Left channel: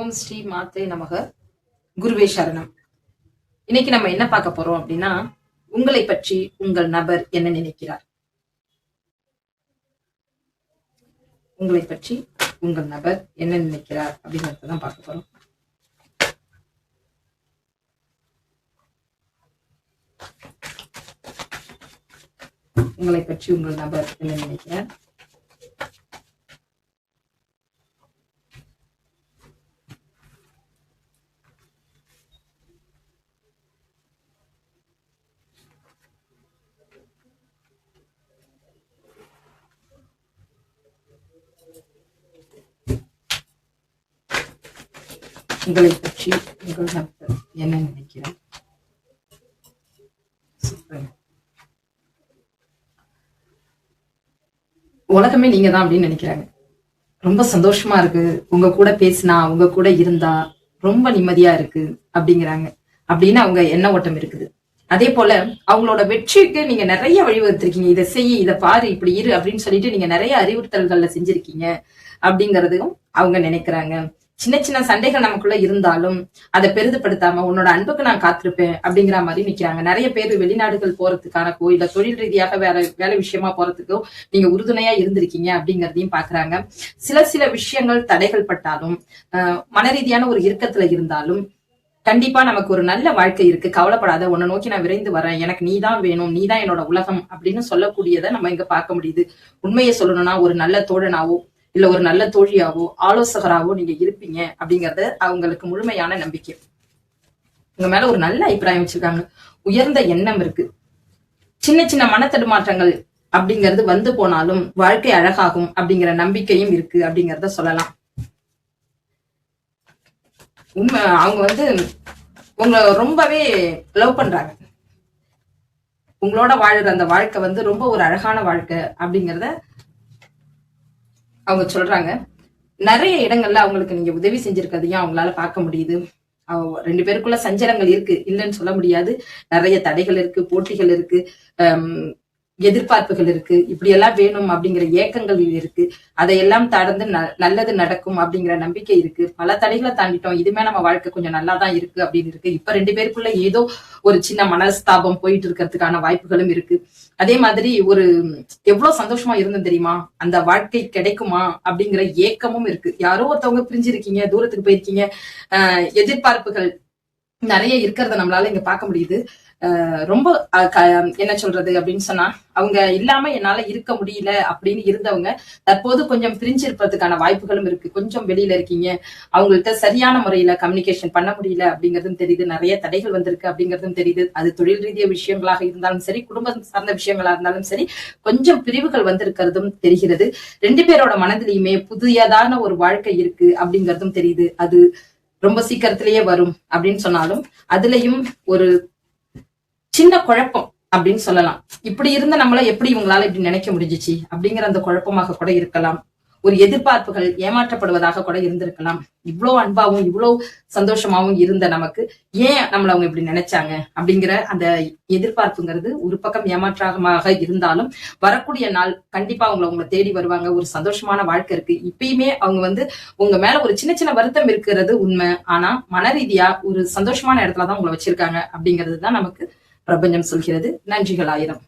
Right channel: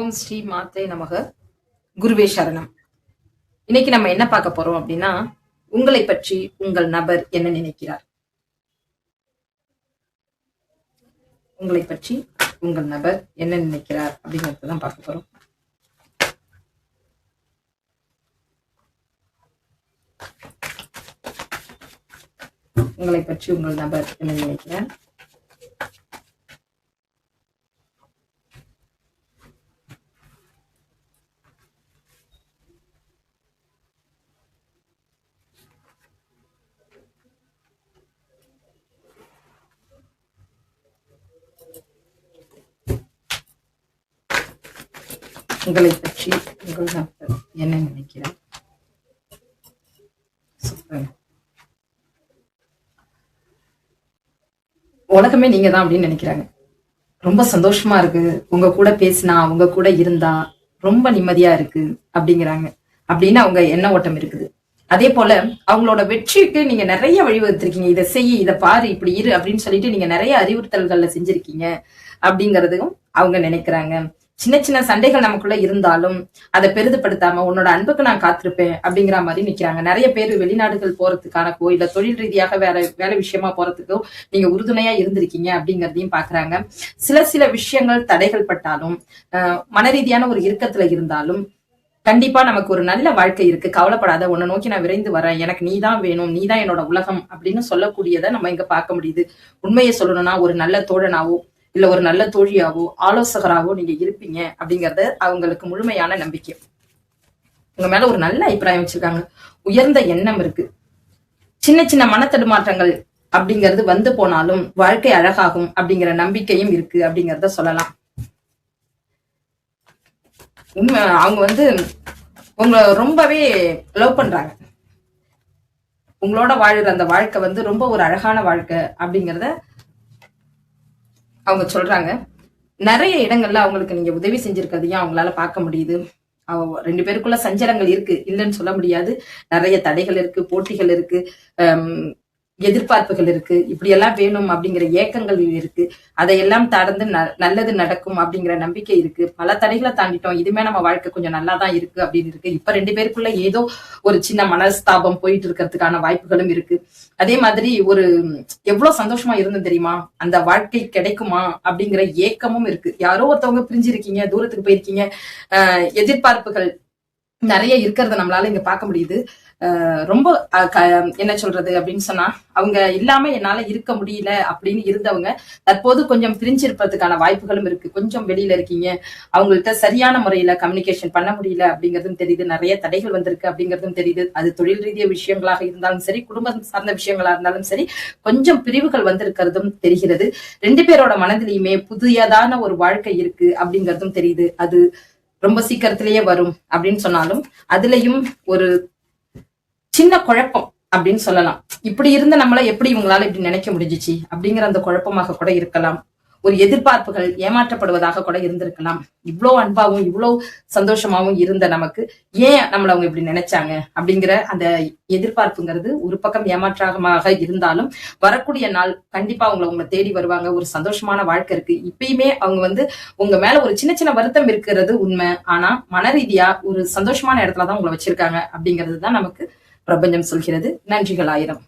ஓம் ஸ்ரீ மாத்தே நமக. குருவே சரணம். இன்னைக்கு நம்ம என்ன பார்க்க போறோம் அப்படின்னா உங்களை பற்றி உங்கள் நபர் என்ன நினைக்கிறார்? உங்களை பற்றி உங்கள் நபர் என்ன நினைக்கிறார் அப்படிங்கறத தான் பார்க்க போறோம். உங்களை பற்றி உங்கள் நபர் என்ன நினைக்கிறார்? உங்களை பற்றி உங்கள் நபர் என்ன நினைக்கிறார்? உலகமே நீங்க தான் அப்படின்னு நினைக்கிறாங்க. ரொம்ப சந்தோஷமா இருக்கு. உங்க கூட பேசினா உங்க கூட இருந்தா ரொம்ப நிம்மதியா இருக்கு அப்படிங்கிறாங்க. அப்படின்னு அவங்க எண்ண ஓட்டம் இருக்குது. அதே போல அவங்களோட வெற்றிக்கு நீங்க நிறைய வழிவகுத்திருக்கீங்க இதை செய் இதை பாரு இப்படி இரு அப்படின்னு சொல்லிட்டு நீங்க நிறைய அறிவுறுத்தல்கள்ல செஞ்சிருக்கீங்க அப்படிங்கறதையும் அவங்க நினைக்கிறாங்க. சின்ன சின்ன சண்டைகள் நமக்குள்ள இருந்தாலும் அதை பெரிதுபடுத்தாம உன்னோட அன்புக்கு நான் காத்திருப்பேன் அப்படிங்கிற மாதிரி நிக்கிறாங்க. நிறைய பேர் வெளிநாடுகள் போறதுக்கானக்கோ இல்ல தொழில் ரீதியாக வேற வேலை விஷயமா போறதுக்கோ நீங்க உறுதுணையா இருந்திருக்கீங்க அப்படிங்கறதையும் பாக்குறாங்க. சில சில விஷயங்கள் தடைகள் பட்டாலும் ஆஹ் மன ரீதியான ஒரு இறுக்கத்துல இருந்தாலும் கண்டிப்பா நமக்கு ஒரு நல்ல வாழ்க்கை இருக்கு. கவலைப்படாத உன்னை நோக்கி நான் விரைந்து வரேன். எனக்கு நீ தான் வேணும் நீ தான் என்னோட உலகம் அப்படின்னு சொல்லக்கூடியதை நம்ம இங்க பார்க்க முடியுது. உண்மையை சொல்லணும்னா ஒரு நல்ல தோழனாவோ இல்ல ஒரு நல்ல தோழியாவோ ஆலோசகராவோ நீங்க இருப்பீங்க அப்படிங்கறது அவங்களுக்கு முழுமையான நம்பிக்கை. உங்க மேல ஒரு நல்ல அபிப்பிராயம் வச்சிருக்காங்க. உயர்ந்த எண்ணம் இருக்கு. சின்ன சின்ன மனத்தடுமாற்றங்கள் அப்படிங்கிறது வந்து போனாலும் வாழ்க்கை அழகாகும் அப்படிங்கிற நம்பிக்கையும் இருக்கு அப்படிங்கறத சொல்லலாம். உண்மை அவங்க வந்து உங்களை ரொம்பவே லவ் பண்றாங்க. உங்களோட வாழுற அந்த வாழ்க்கை வந்து ரொம்ப ஒரு அழகான வாழ்க்கை அப்படிங்கிறத அவங்க சொல்றாங்க நிறைய இடங்கள்ல அவங்களுக்கு நீங்க உதவி செஞ்சிருக்கதையும் அவங்களால பார்க்க முடியுது? ரெண்டு பேருக்குள்ள சஞ்சலங்கள் இருக்கு இல்லைன்னு சொல்ல முடியாது. நிறைய தடைகள் இருக்கு போட்டிகள் இருக்கு. ஹம், எதிர்பார்ப்புகள் இருக்கு. இப்படி எல்லாம் வேணும் அப்படிங்கிற ஏக்கங்கள் இருக்கு. அதையெல்லாம் தாழ்ந்து ந- நல்லது நடக்கும் அப்படிங்கிற நம்பிக்கை இருக்கு. பல தடைகளை தாண்டிட்டோம். இதுமே நம்ம வாழ்க்கை கொஞ்சம் நல்லா தான் இருக்கு அப்படின்னு இருக்கு. இப்ப ரெண்டு பேருக்குள்ள ஏதோ ஒரு சின்ன மனஸ்தாபம் போயிட்டு இருக்கிறதுக்கான வாய்ப்புகளும் இருக்கு. அதே மாதிரி ஒரு எவ்வளவு சந்தோஷமா இருந்தோம் தெரியுமா? அந்த வாழ்க்கை கிடைக்குமா? அப்படிங்கிற ஏக்கமும் இருக்கு. யாரோ ஒருத்தவங்க பிரிஞ்சிருக்கீங்க தூரத்துக்கு போயிருக்கீங்க. எதிர்பார்ப்புகள் நிறைய இருக்கிறத நம்மளால இங்க பார்க்க முடியுது. ஆஹ் ரொம்ப அஹ் க- என்ன சொல்றது அப்படின்னு சொன்னா அவங்க இல்லாம என்னால இருக்க முடியல அப்படின்னு இருந்தவங்க தற்போது கொஞ்சம் பிரிஞ்சிருப்பதுக்கான வாய்ப்புகளும் இருக்கு. கொஞ்சம் வெளியில இருக்கீங்க. அவங்கள்ட்ட சரியான முறையில கம்யூனிகேஷன் பண்ண முடியல அப்படிங்கறதும் தெரியுது. நிறைய தடைகள் வந்திருக்கு அப்படிங்கறதும் தெரியுது. அது தொழில் ரீதிய விஷயங்களாக இருந்தாலும் சரி குடும்பம் சார்ந்த விஷயங்களா இருந்தாலும் சரி கொஞ்சம் பிரிவுகள் வந்திருக்கிறதும் தெரிகிறது. ரெண்டு பேரோட மனதிலையுமே புதியதான ஒரு வாழ்க்கை இருக்கு அப்படிங்கறதும் தெரியுது. அது ரொம்ப சீக்கிரத்திலேயே வரும் அப்படின்னு சொன்னாலும் அதுலயும் ஒரு சின்ன குழப்பம் அப்படின்னு சொல்லலாம். இப்படி இருந்த நம்மள எப்படி இவங்களால இப்படி நினைக்க முடிஞ்சிச்சு அப்படிங்கிற அந்த குழப்பமாக கூட இருக்கலாம். ஒரு எதிர்பார்ப்புகள் ஏமாற்றப்படுவதாக கூட இருந்திருக்கலாம். இவ்வளோ அன்பாவும் இவ்வளோ சந்தோஷமாவும் இருந்த நமக்கு ஏன் நம்மள அவங்க இப்படி நினைச்சாங்க? அப்படிங்கிற அந்த எதிர்பார்ப்புங்கிறது ஒரு பக்கம் ஏமாற்றமாக இருந்தாலும் வரக்கூடிய நாள் கண்டிப்பா அவங்கள உங்களை தேடி வருவாங்க. ஒரு சந்தோஷமான வாழ்க்கை இருக்கு. இப்பயுமே அவங்க வந்து உங்க மேல ஒரு சின்ன சின்ன வருத்தம் இருக்கிறது உண்மை. ஆனா மன ரீதியா ஒரு சந்தோஷமான இடத்துலதான் உங்களை வச்சிருக்காங்க அப்படிங்கிறது தான் நமக்கு பிரபஞ்சம் சொல்கிறது. நன்றிகள் ஆயிரம்.